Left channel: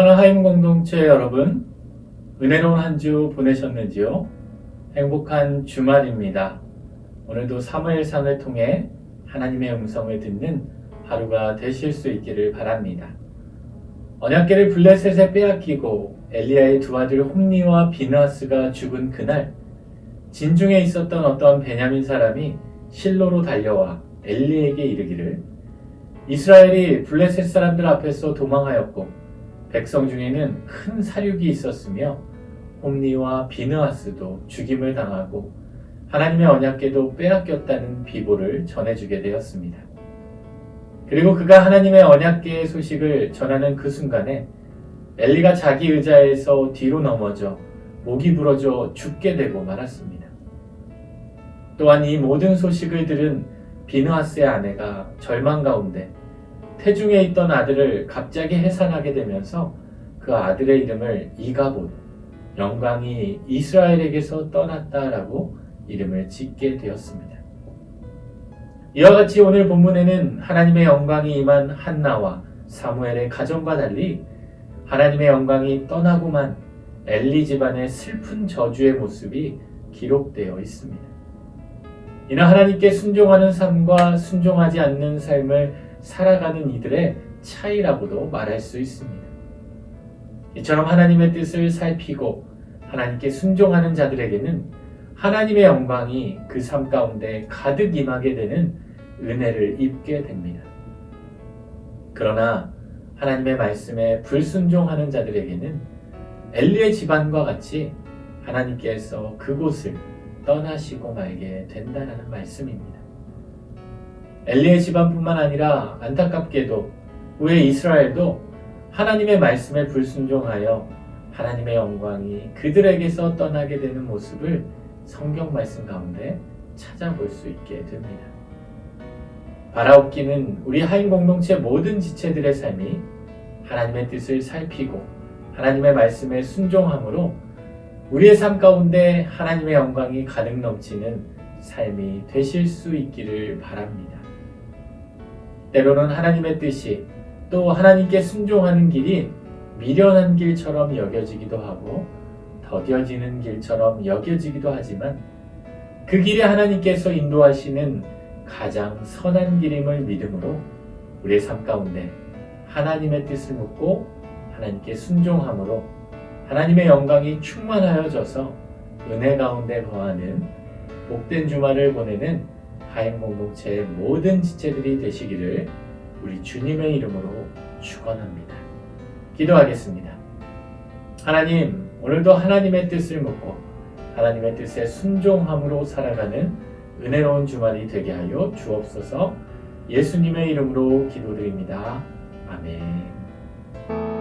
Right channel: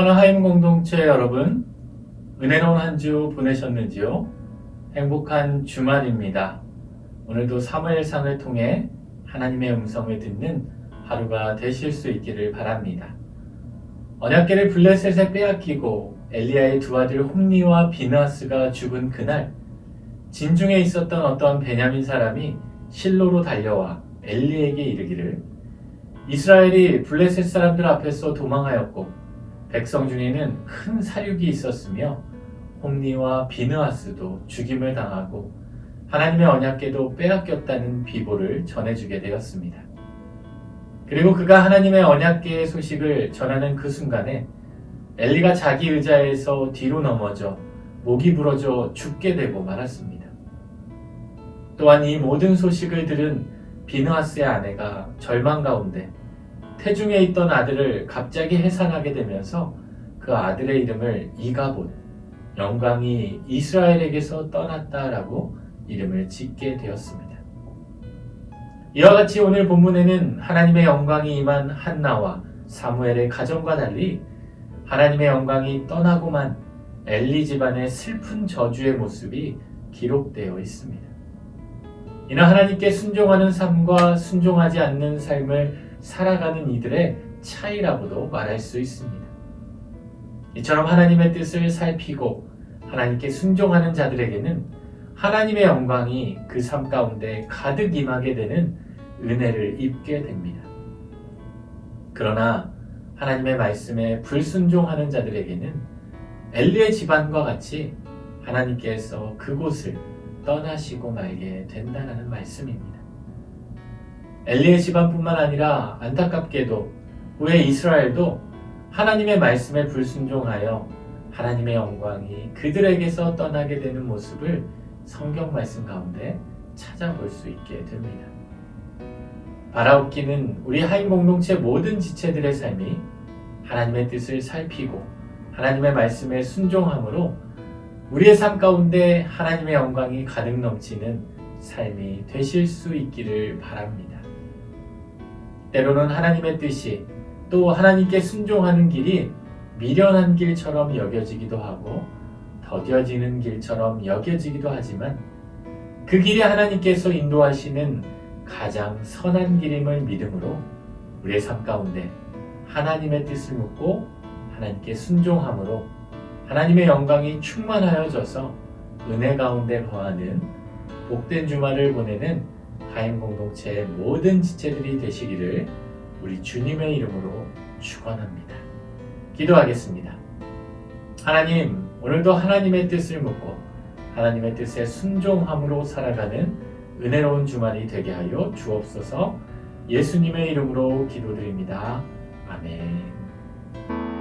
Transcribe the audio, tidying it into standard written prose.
사랑하는 하임 공동체 여러분, 은혜로운 한 주 보내셨는지요? 행복한 주말입니다. 오늘도 사무엘상을 통해 하나님의 음성을 듣는 하루가 되실 수 있기를 바랍니다. 언약궤를 블레셋에 빼앗기고 엘리야의 두 아들 홈니와 비느하스가 죽은 그날, 진중에 있었던 어떤 베냐민 사람이 실로로 달려와 엘리에게 이르기를, 이스라엘이 블레셋 사람들 앞에서 도망하였고 백성 중에는 큰 사륙이 있었으며 홈니와 비느하스도 죽임을 당하고 하나님의 언약궤도 빼앗겼다는 비보를 전해주게 되었습니다. 그리고 그가 하나님의 언약궤의 소식을 전하는 그 순간에 엘리가 자기 의자에서 뒤로 넘어져 목이 부러져 죽게 되고 말았습니다. 또한 이 모든 소식을 들은 비느하스의 아내가 절망 가운데 태중에 있던 아들을 갑자기 해산하게 되면서 그 아들의 이름을 이가봇, 영광이 이스라엘에게서 떠났다라고 이름을 짓게 되었습니다. 이와 같이 오늘 본문에는 하나님의 영광이 임한 한나와 사무엘의 가정과 달리 하나님의 영광이 떠나고만 엘리 집안의 슬픈 저주의 모습이 기록되어 있습니다. 이는 하나님께 순종하는 삶과 순종하지 않는 삶을 살아가는 이들의 차이라고도 말할 수 있습니다. 이처럼 하나님의 뜻을 살피고 하나님께 순종하는 자들에게는 하나님의 영광이 그 삶 가운데 가득 임하게 되는 은혜를 입게 됩니다. 그러나 하나님의 말씀에 불순종하는 자들에게는 엘리의 집안과 같이 하나님께서 그곳을 떠나시고 말게 된다는 말씀입니다. 엘리의 집안뿐만 아니라 안타깝게도 후에 이스라엘도 하나님의 말씀에 불순종하여 하나님의 영광이 그들에게서 떠나게 되는 모습을 성경 말씀 가운데 찾아볼 수 있게 됩니다. 바라옵기는 우리 하임 공동체 모든 지체들의 삶이 하나님의 뜻을 살피고 하나님의 말씀에 순종함으로 우리의 삶 가운데 하나님의 영광이 가득 넘치는 삶이 되실 수 있기를 바랍니다. 때로는 하나님의 뜻이 또 하나님께 순종하는 길이 미련한 길처럼 여겨지기도 하고 더뎌지는 길처럼 여겨지기도 하지만 그 길이 하나님께서 인도하시는 가장 선한 길임을 믿음으로 우리의 삶 가운데 하나님의 뜻을 묻고 하나님께 순종함으로 하나님의 영광이 충만하여져서 은혜 가운데 거하는 복된 주말을 보내는 하임 공동체의 모든 지체들이 되시기를 우리 주님의 이름으로 축원합니다. 기도하겠습니다. 하나님, 오늘도 하나님의 뜻을 묻고 하나님의 뜻에 순종함으로 살아가는 은혜로운 주말이 되게 하여 주옵소서. 예수님의 이름으로 기도드립니다. 아멘.